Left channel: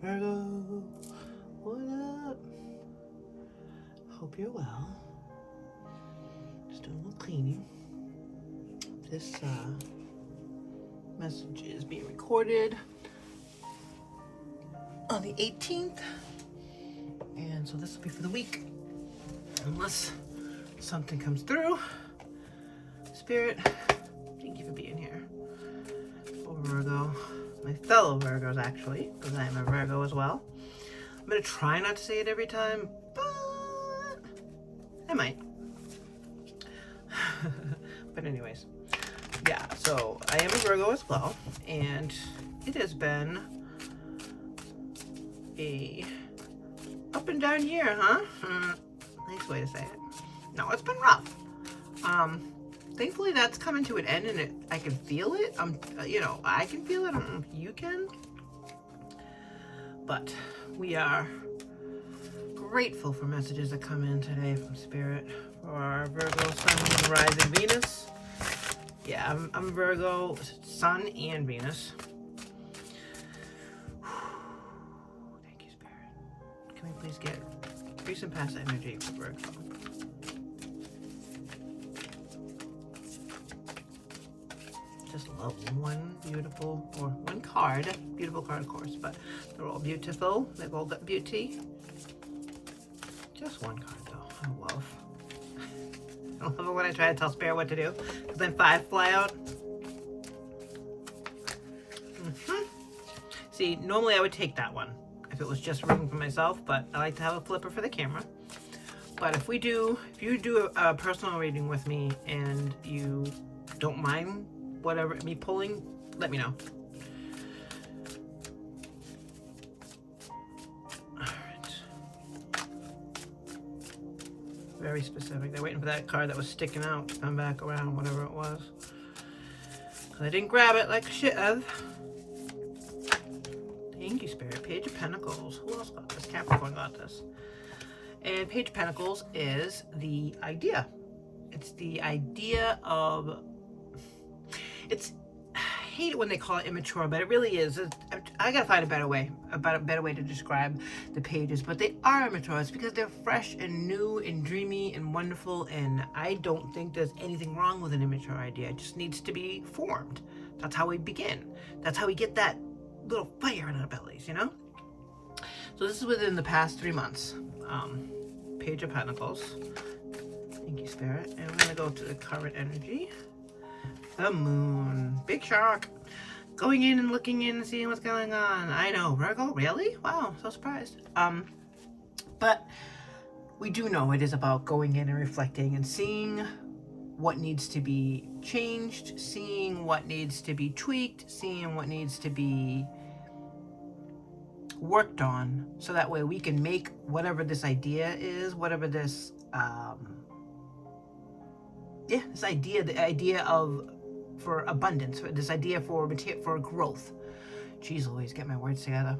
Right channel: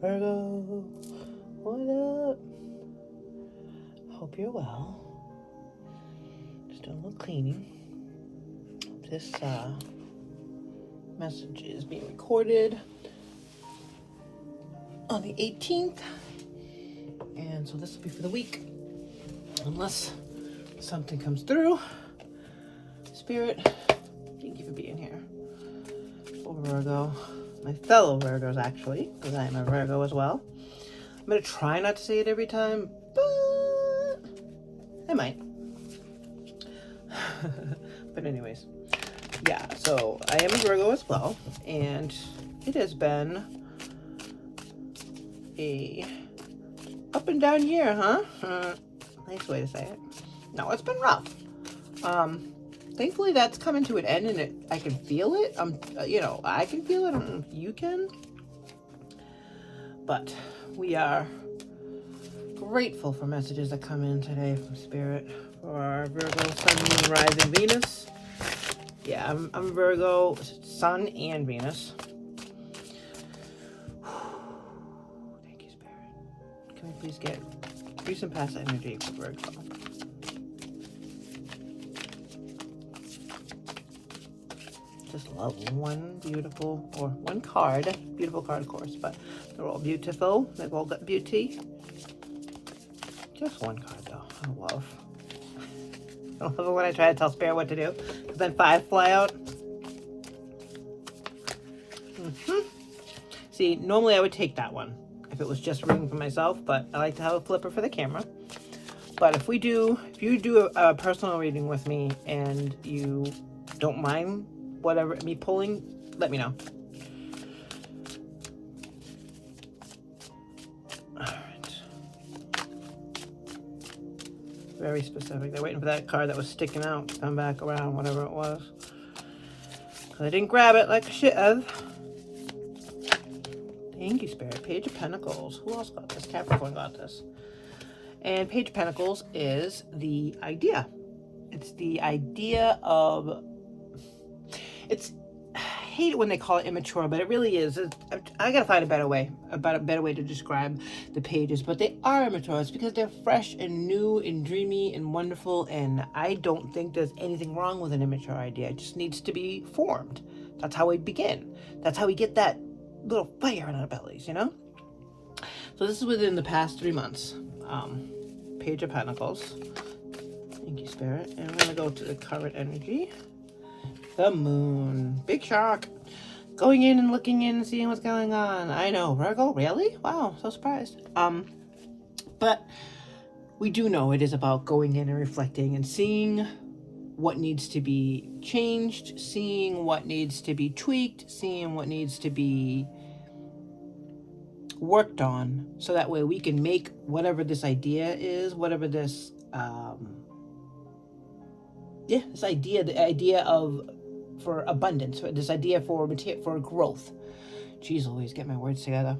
Virgo, what up? Hope you're well. Just doing a little cleaning. This message is being recorded on the 18th, and so this will be for the week, unless something comes through. Spirit, thank you for being here. For Virgo, my fellow Virgos actually, because I am a Virgo as well. I'm going to try not to say it every time, but I might. But anyways, yeah, so I am a Virgo as well, and it has been a up and down year, huh? Nice way to say it. No, it's been rough. Thankfully that's coming to an end, and I can feel it. I can feel it. I don't know if you can, but we are grateful for messages that come in today from Spirit for our Virgo Sun, Moon, Rising, Venus. Yeah, I'm Virgo Sun and Venus. Thank you, Spirit. Can we please get recent past energy for Virgo? Just love one card. Beautiful card, of course, but they're all beautiful. They've all got beauty. Just one card, though. I love it when I try to tell Spirit what to do, because then 5 fly out. See, normally I would take that one if it was just reading for myself, but I like to have a flipper for the camera. But if you do a personal reading with me and you don't mind whatever me pulling, let me know. Very specific. They're waiting for that card that was sticking out to come back around, whatever it was. I didn't grab it like I should have. Thank you, Spirit. Page of Pentacles. Who else got this? Capricorn got this. And Page of Pentacles is the idea. It's the idea of... I hate it when they call it immature, but it really is. I gotta find a better way to describe the pages, but they are immature. It's because they're fresh and new and dreamy and wonderful, and I don't think there's anything wrong with an immature idea. It just needs to be formed. That's how we begin. That's how we get that little fire in our bellies, you know? So this is within the past 3 months. Page of Pentacles. Thank you, Spirit. And we're gonna go to the current energy. The moon. Big shock. Going in and looking in and seeing what's going on. I know. Virgo? Really? Wow. So surprised. But we do know it is about going in and reflecting and seeing what needs to be changed, seeing what needs to be tweaked, seeing what needs to be worked on, so that way we can make whatever this idea is, whatever this, this idea, the idea of for abundance, for this idea for growth. Jeez Louise, get my words together.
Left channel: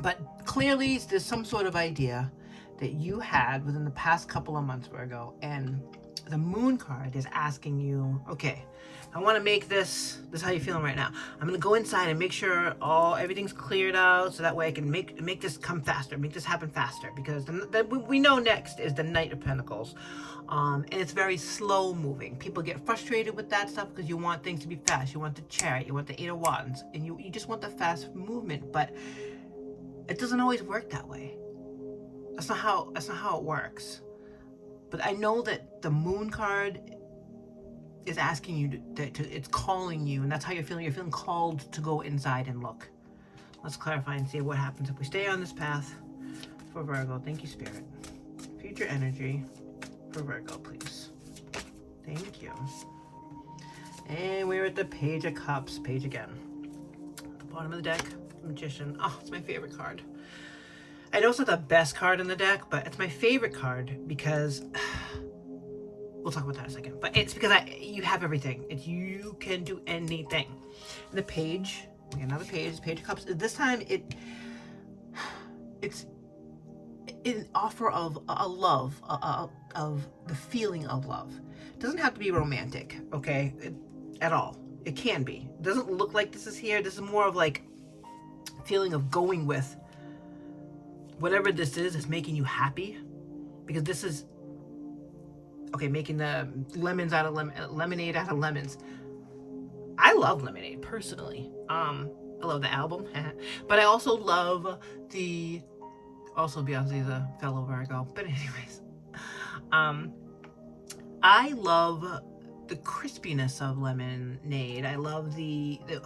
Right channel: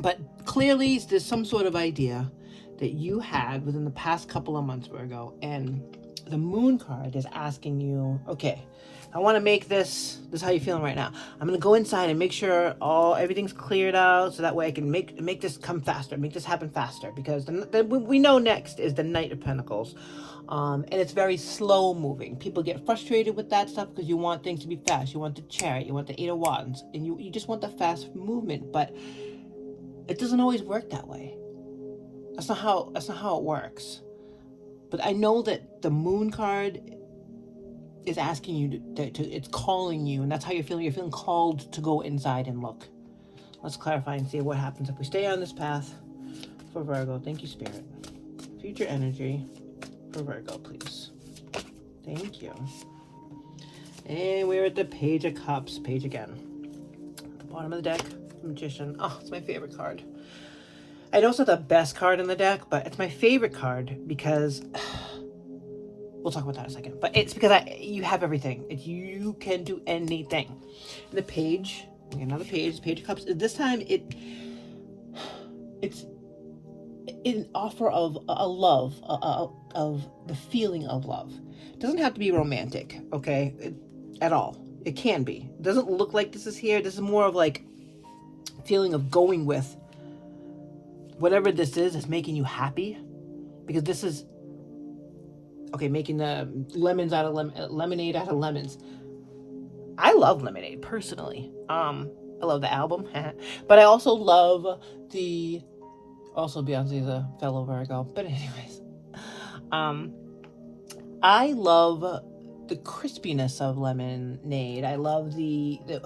But clearly there's some sort of idea that you had within the past couple of months, Virgo, and the moon card is asking you, okay, I want to make this is how you're feeling right now. I'm going to go inside and make sure everything's cleared out, so that way I can make this come faster, make this happen faster, because we know next is the Knight of Pentacles. And it's very slow moving. People get frustrated with that stuff because you want things to be fast. You want the Chariot, you want the 8 of Wands, and you just want the fast movement, but it doesn't always work that way. That's not how it works. But I know that the moon card is asking you it's calling you, and that's how you're feeling. You're feeling called to go inside and look. Let's clarify and see what happens if we stay on this path for Virgo. Thank you, Spirit. Future energy for Virgo, please. Thank you. And we're at the Page of Cups page again. At the bottom of the deck, Magician. Oh, it's my favorite card. I know it's not the best card in the deck, but it's my favorite card because we'll talk about that in a second. But it's because you have everything. You can do anything. And the page, another page, Page of Cups. This time it's an offer of a love, of the feeling of love. It doesn't have to be romantic, okay, at all. It can be. It doesn't look like this is here. This is more of like feeling of going with whatever this is making you happy, because this is, okay, making the lemons out of lemonade out of lemons. I love lemonade personally. I love the album, but I also love also Beyonce's a fellow Virgo. But anyways, I love the crispiness of lemonade. I love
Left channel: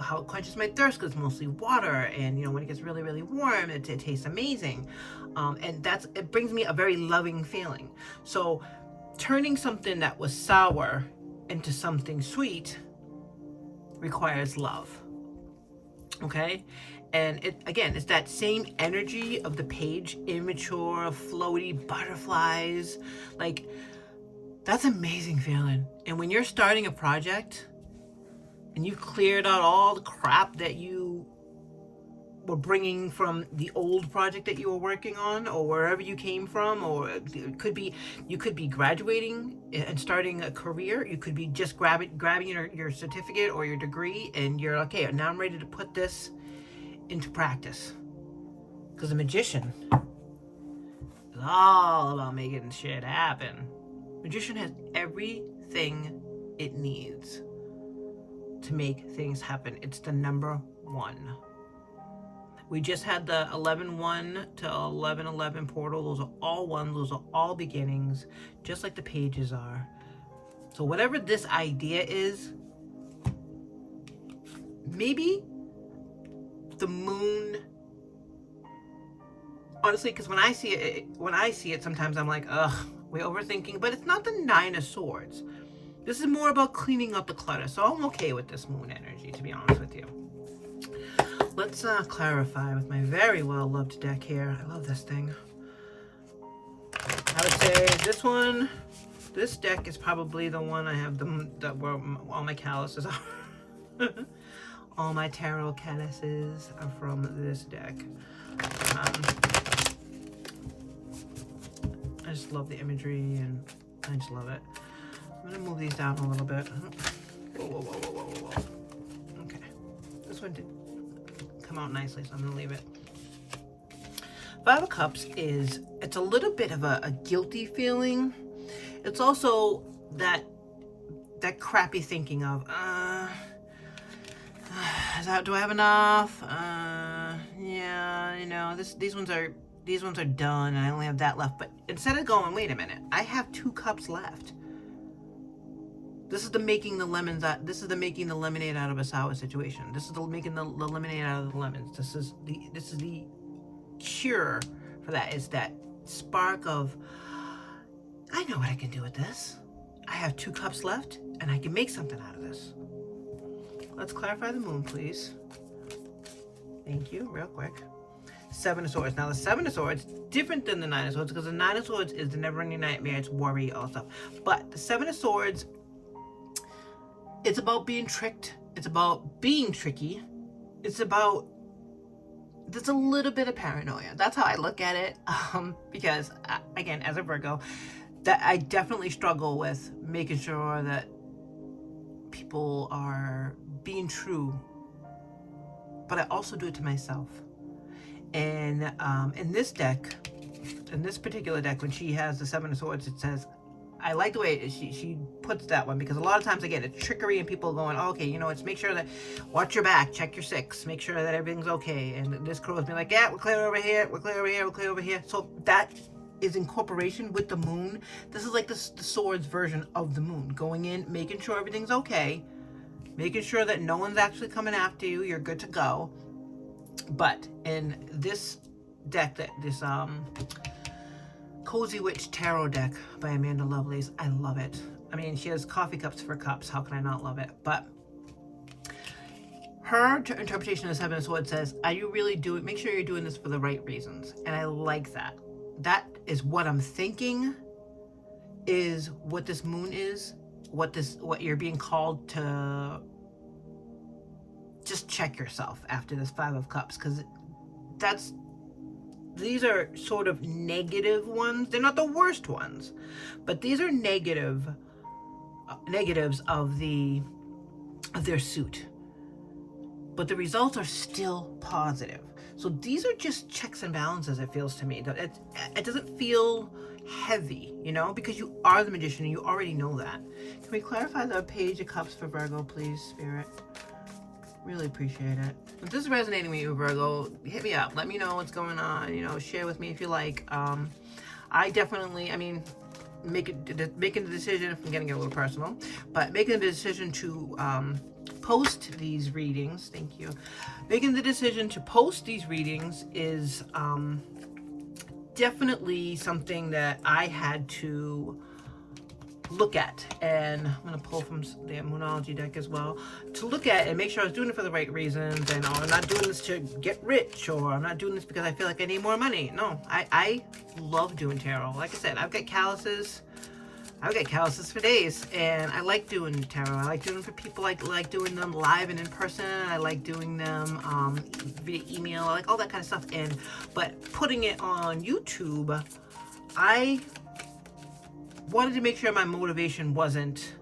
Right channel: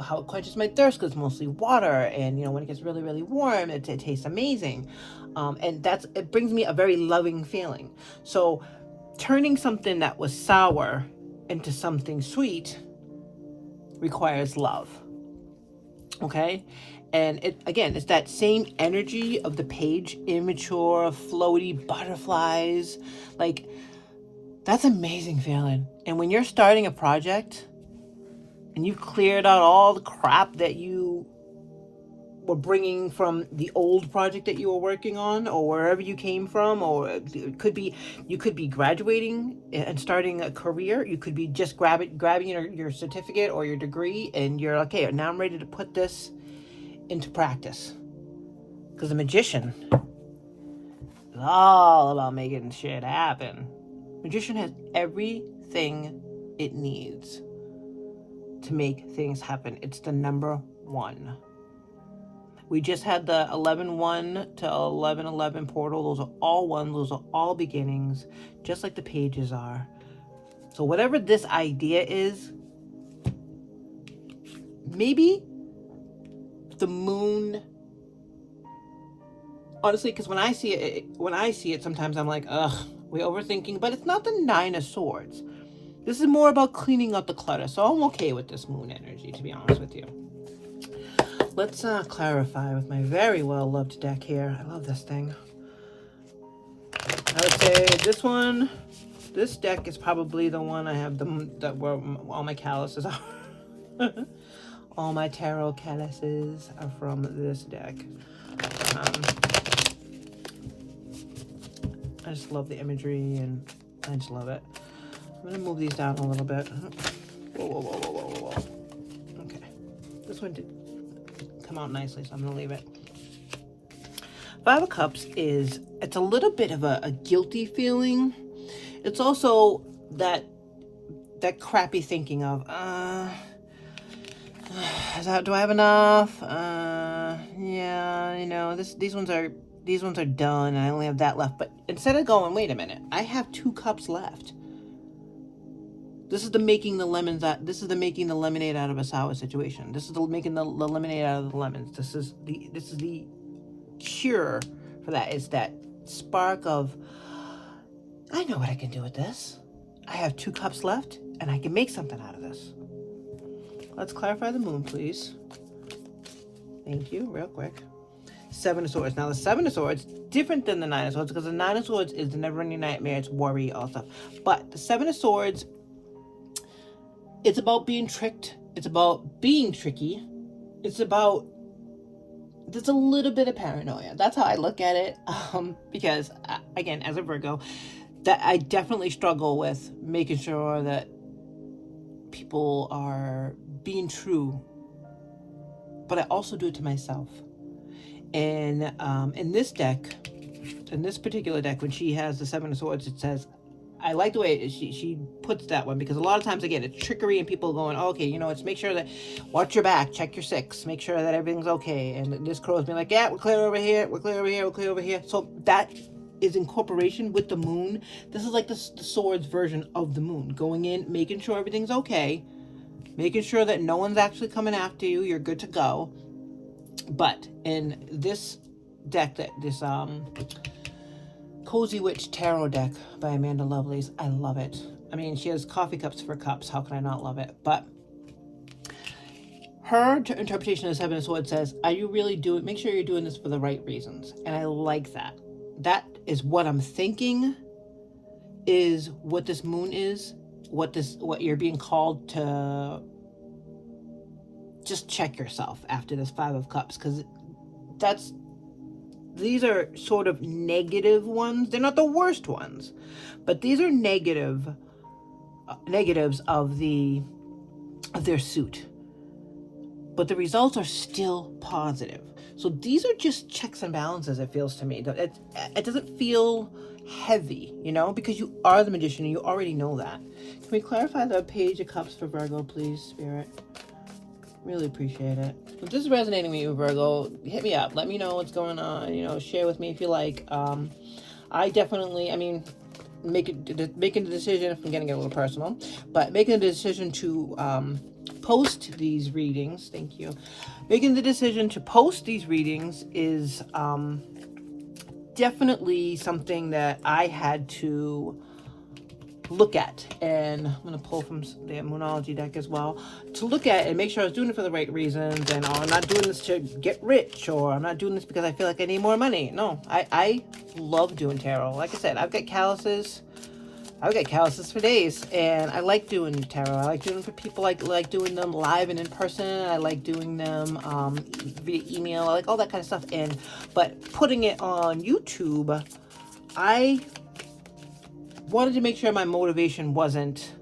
how it quenches my thirst, because it's mostly water, and when it gets really, really warm, it tastes amazing. And it brings me a very loving feeling. So turning something that was sour into something sweet requires love. Okay? And it's that same energy of the page, immature, floaty butterflies. Like, that's amazing feeling. And when you're starting a project and you've cleared out all the crap that you were bringing from the old project that you were working on, or wherever you came from, or it could be you could be graduating and starting a career. You could be just grabbing your certificate or your degree, and you're like, okay, now I'm ready to put this into practice. Because the magician is all about making shit happen. Magician has everything it needs to make things happen. It's the number one. We just had the 11-1 to 11-11 portal. Those are all ones. Those are all beginnings, just like the pages are. So whatever this idea is, maybe the moon. Honestly, because when I see it, sometimes I'm like, ugh, we're overthinking. But it's not the 9 of Swords. This is more about cleaning up the clutter. So I'm okay with this moon energy, to be honest with you. Let's clarify with my very well-loved deck here. I love this thing. I would say this deck is probably the one I have where all my calluses are. All my tarot calluses are from this deck. I just love the imagery, and I just love it. I'm going to move these down a little bit. Whoa. Okay. This one did come out nicely, so I'm going to leave it. 5 of Cups it's a little bit of a guilty feeling. It's also that crappy thinking of, do I have enough? Yeah, these ones are done, and I only have that left. But instead of going, wait a minute, I have 2 cups left. This is the making the lemonade out of a sour situation. This is the making the lemonade out of the lemons. This is the cure for that. Is that spark of, I know what I can do with this. I have 2 cups left, and I can make something out of this. Let's clarify the moon, please. Thank you, real quick. 7 of Swords. Now, the 7 of Swords, different than the 9 of Swords, because the 9 of Swords is the never-ending nightmare. It's worry, all stuff. But the 7 of Swords, it's about being tricked. It's about being tricky. It's about, there's a little bit of paranoia. That's how I look at it. Because, again, as a Virgo, that I definitely struggle with making sure that people are being true. But I also do it to myself. And in this deck, in this particular deck, when she has the 7 of Swords, it says, I like the way she puts that one, because a lot of times, again, it's trickery, and people going, oh, okay, it's make sure that, watch your back, check your 6, make sure that everything's okay. And this crow's been like, yeah, we're clear over here, we're clear over here, we're clear over here. So that is incorporation with the moon. This is like the Swords version of the moon, going in, making sure everything's okay, making sure that no one's actually coming after you, you're good to go. But in this deck, this Cozy Witch Tarot deck by Amanda Lovelace, I love it. I mean, she has coffee cups for cups. How can I not love it? But her interpretation of the 7 of Swords says, are you really doing, make sure you're doing this for the right reasons. And I like that. That is what I'm thinking is what this moon is, what you're being called to. Just check yourself after this 5 of Cups, because these are sort of negative ones. They're not the worst ones, but these are negatives of their suit. But the results are still positive. So these are just checks and balances, it feels to me. It doesn't feel heavy, you know, because you are the Magician and you already know that. Can we clarify the Page of Cups for Virgo, please, Spirit? Really appreciate it. If this is resonating with you, Virgo, hit me up. Let me know what's going on. You know, share with me if you like. I definitely, I mean, making the decision, if I'm getting a little personal, but making the decision to post these readings, thank you. Making the decision to post these readings is definitely something that I had to look at, and I'm going to pull from the Moonology deck as well, to look at and make sure I was doing it for the right reasons, and I'm not doing this to get rich, or I'm not doing this because I feel like I need more money. No, I love doing tarot. Like I said, I've got calluses for days, and I like doing tarot. I like doing them for people, like doing them live and in person. I like doing them via email. I like all that kind of stuff. But putting it on YouTube, I wanted to make sure my motivation wasn't,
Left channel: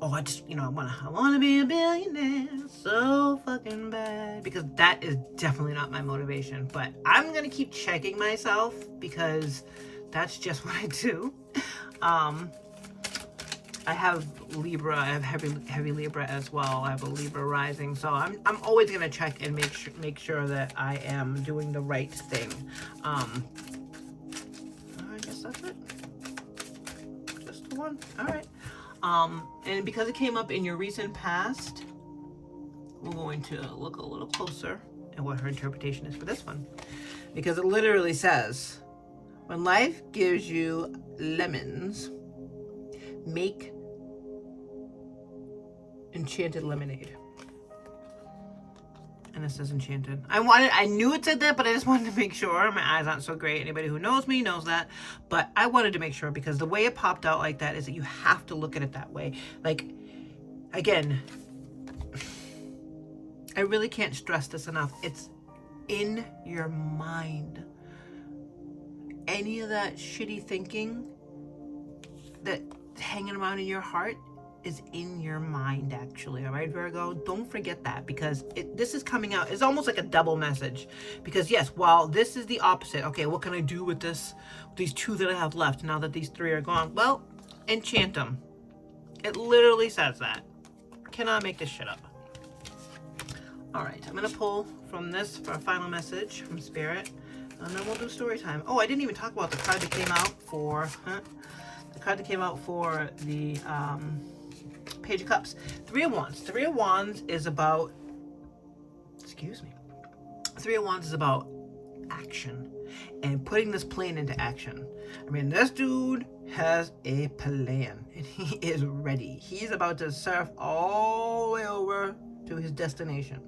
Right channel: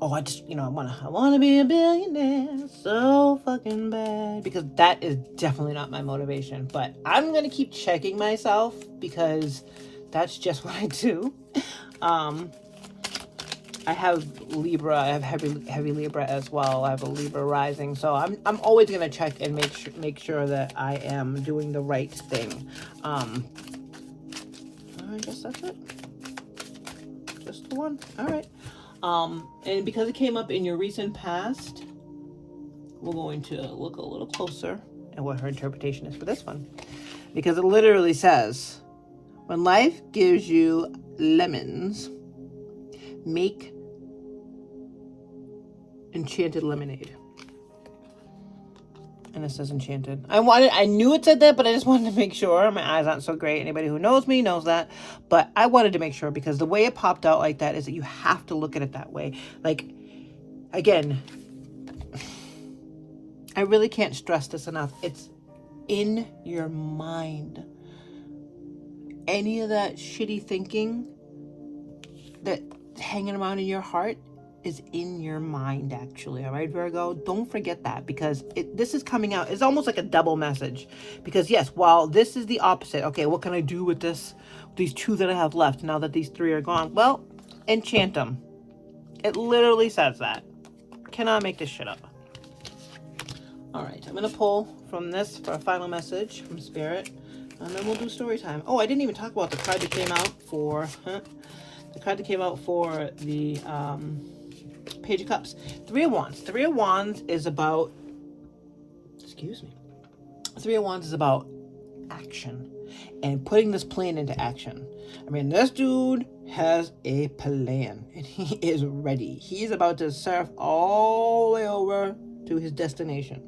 oh, I just, you know, I want to be a billionaire so fucking bad, because that is definitely not my motivation. But I'm gonna keep checking myself, because that's just what I do. I have Libra. I have heavy Libra as well. I have a Libra rising, so I'm always gonna check and make sure that I am doing the right thing. I guess that's it. Just the one. All right. And because it came up in your recent past, we're going to look a little closer at what her interpretation is for this one, because it literally says, when life gives you lemons, make enchanted lemonade. And it says enchanted. I knew it said that, but I just wanted to make sure. My eyes aren't so great. Anybody who knows me knows that. But I wanted to make sure, because the way it popped out like that is that you have to look at it that way. Like, again, I really can't stress this enough. It's in your mind. Any of that shitty thinking that's hanging around in your heart is in your mind, actually. All right, Virgo, don't forget that, because this is coming out. It's almost like a double message, because yes, while this is the opposite, okay, what can I do with these two that I have left now that these three are gone? Well, enchant them. It literally says that. Cannot make this shit up. All right, I'm gonna pull from this for a final message from Spirit, and then we'll do story time. Oh, I didn't even talk about the card that came out for the Page of Cups. Three of Wands. Three of Wands is about, Three of Wands is about action and putting this plan into action. I mean, this dude has a plan and he is ready. He's about to surf all the way over to his destination,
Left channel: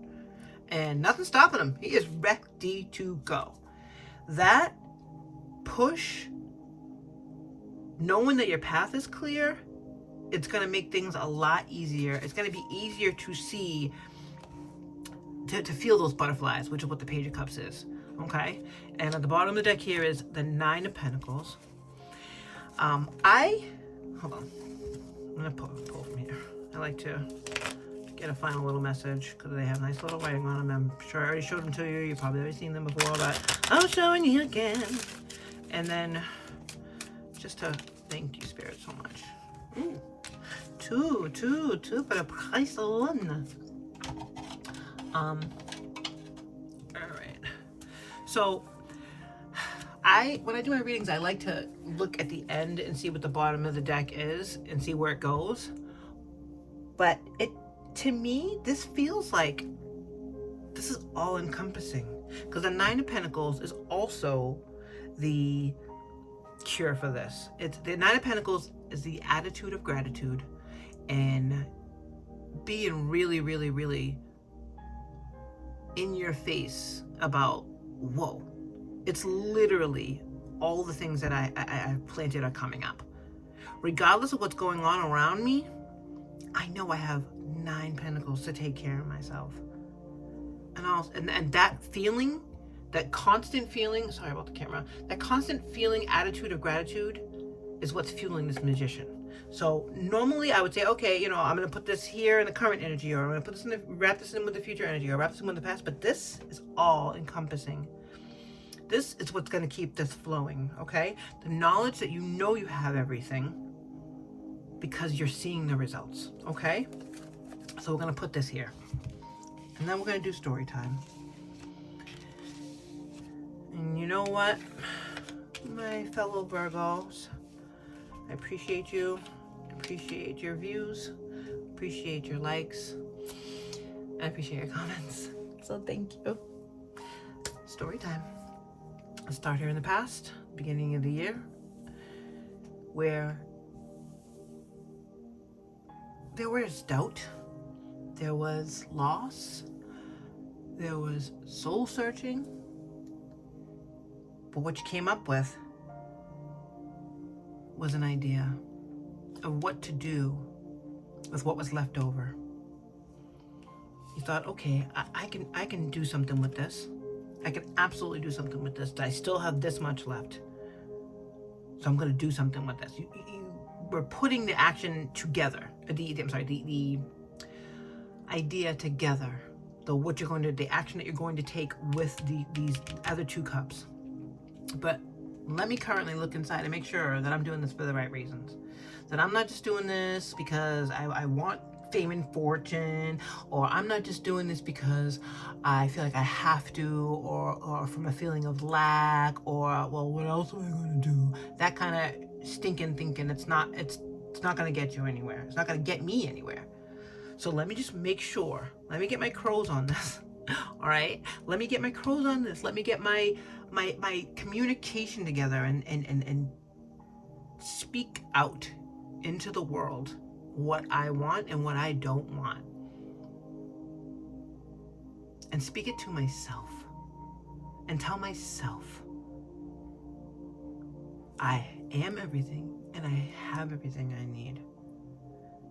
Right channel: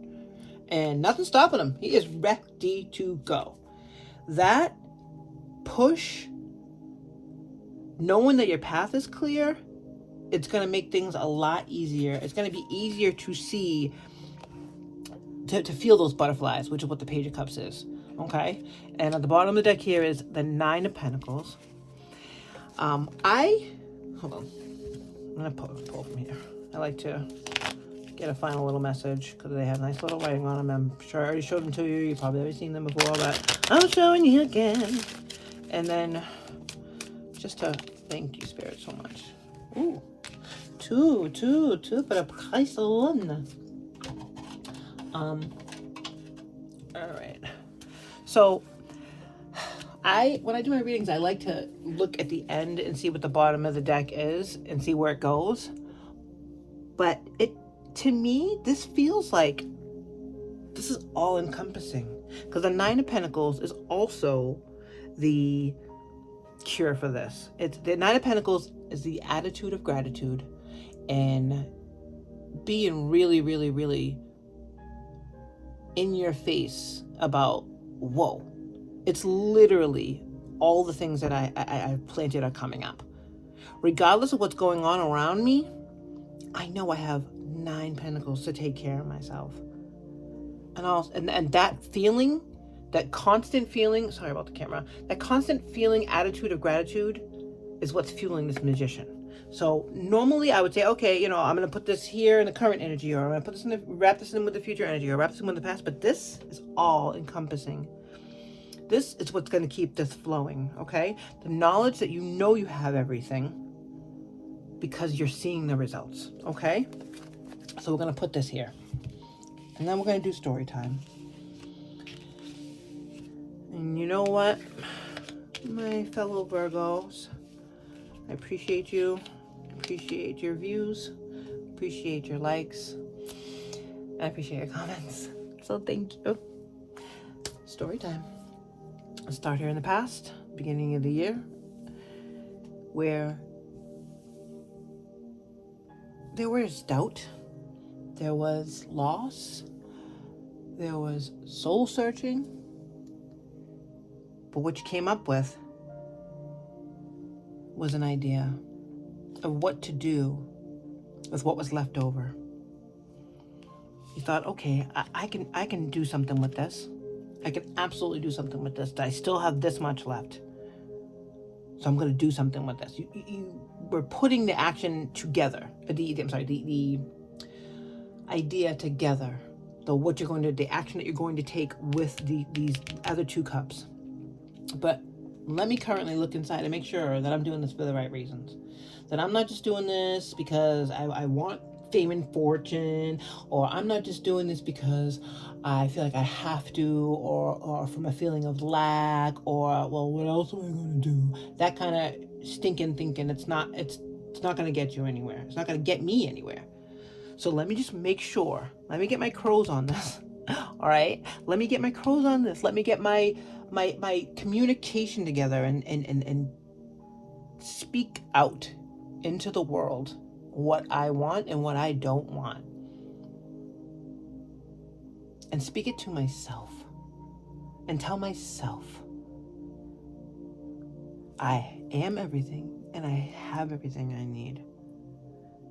and nothing's stopping him. He is ready to go. That push, knowing that your path is clear, it's going to make things a lot easier. It's going to be easier to see, to feel those butterflies, which is what the Page of Cups is. Okay? And at the bottom of the deck here is the Nine of Pentacles. Hold on. I'm going to pull from here. I like to get a final little message, because they have nice little writing on them. I'm sure I already showed them to you. You've probably already seen them before, but I'm showing you again. And then just to thank you, Spirit, so much. Ooh. Two for the price of one. All right. So when I do my readings, I like to look at the end and see what the bottom of the deck is and see where it goes. But to me, this feels like this is all encompassing, because the Nine of Pentacles is also the cure for this. It's the Nine of Pentacles is the attitude of gratitude and being really, really, really in your face about, whoa, it's literally all the things that I planted are coming up. Regardless of what's going on around me, I know I have 9 Pentacles to take care of myself. And that feeling, that constant feeling, sorry about the camera, that constant feeling, attitude of gratitude is what's fueling this Magician. So normally I would say, okay, you know, I'm going to put this here in the current energy, or I'm going to put this in the, wrap this in with the future energy, or wrap this in with the past. But this is all encompassing. This is what's going to keep this flowing, okay? The knowledge that you know you have everything because you're seeing the results, okay? So we're going to put this here. And then we're going to do story time. And you know what, my fellow Virgos, I appreciate you. Appreciate your views, appreciate your likes, I appreciate your comments. So thank you. Story time. Let's start here in the past, beginning of the year, where there was doubt, there was loss, there was soul searching, but what you came up with was an idea of what to do with what was left over. You thought, okay, I can do something with this. I can absolutely do something with this. I still have this much left, so I'm going to do something with this. You were putting the action together. The idea together. What you're going to, the action that you're going to take with these other two cups. But let me currently look inside and make sure that I'm doing this for the right reasons. That I'm not just doing this because I want fame and fortune, or I'm not just doing this because I feel like I have to, or from a feeling of lack, or, well, what else am I going to do? That kind of stinking thinking, it's not going to get you anywhere. It's not going to get me anywhere. So let me just make sure. Let me get my crows on this. All right? Let me get my crows on this. Let me get my communication together and speak out into the world what I want and what I don't want. And speak it to myself. And tell myself, I am everything and I have everything I need.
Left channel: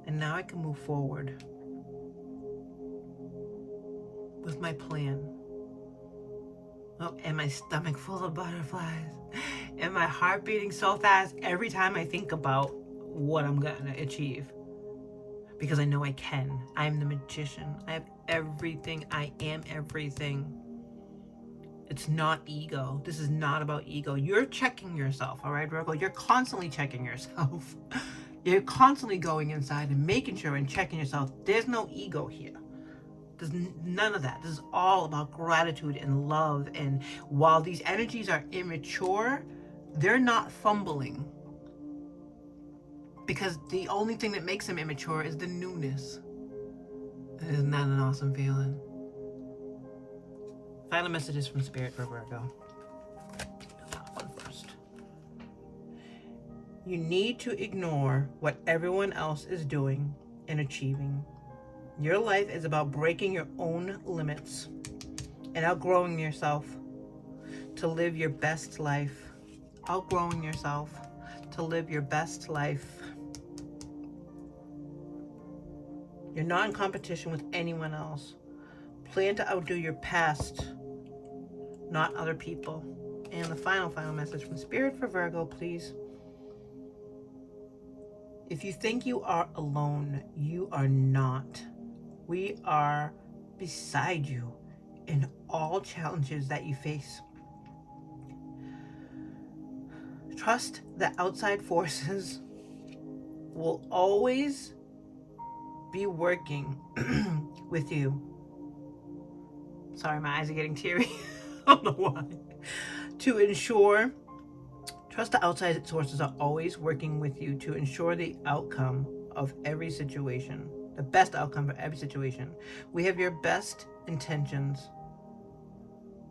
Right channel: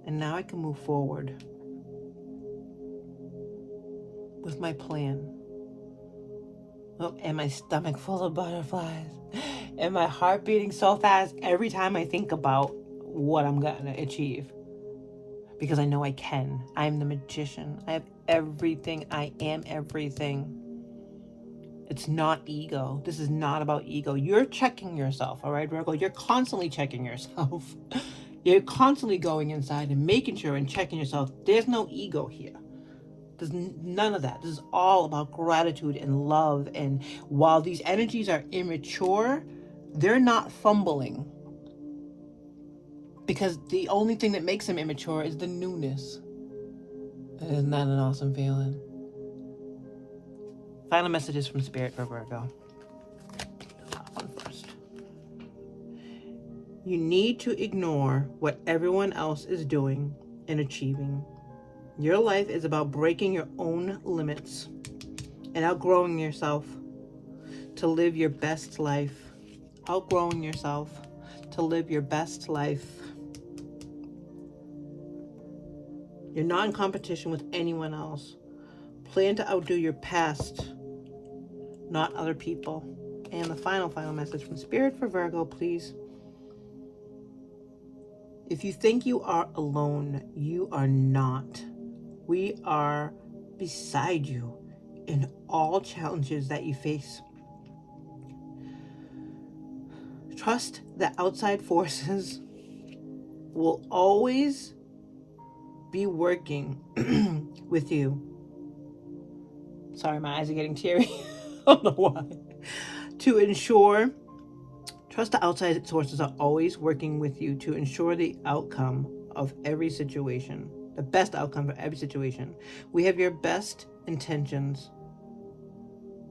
And now I can move forward with my plan. Oh, and my stomach full of butterflies. And my heart beating so fast every time I think about what I'm going to achieve. Because I know I can. I am the magician. I have everything. I am everything. It's not ego. This is not about ego. You're checking yourself, all right, Virgo? You're constantly checking yourself. You're constantly going inside and making sure and checking yourself. There's no ego here. There's none of that. This is all about gratitude and love. And while these energies are immature, they're not fumbling. Because the only thing that makes them immature is the newness. Isn't that an awesome feeling? Final messages from Spirit for Virgo. Top one first. You need to ignore what everyone else is doing and achieving. Your life is about breaking your own limits and outgrowing yourself to live your best life. Outgrowing yourself to live your best life. You're not in competition with anyone else. Plan to outdo your past, not other people. And the final message from Spirit for Virgo, please. If you think you are alone, you are not. We are beside you in all challenges that you face. Trust that outside forces will always be working with you. Sorry, my eyes are getting teary. I don't know why. To ensure, trust the outside sources are always working with you to ensure the outcome of every situation, the best outcome for every situation. We have your best intentions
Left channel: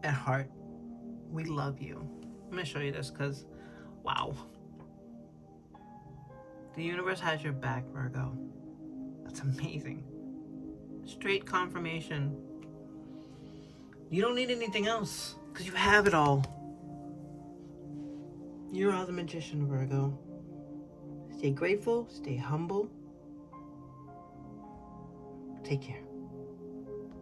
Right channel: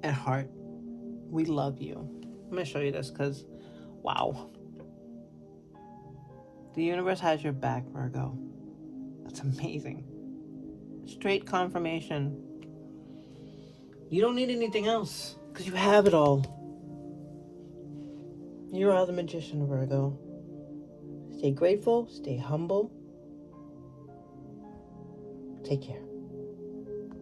at heart. We love you. I'm going to show you this because, wow. The universe has your back, Virgo. That's amazing. Straight confirmation. You don't need anything else because you have it all. You are the magician, Virgo. Stay grateful, stay humble. Take care.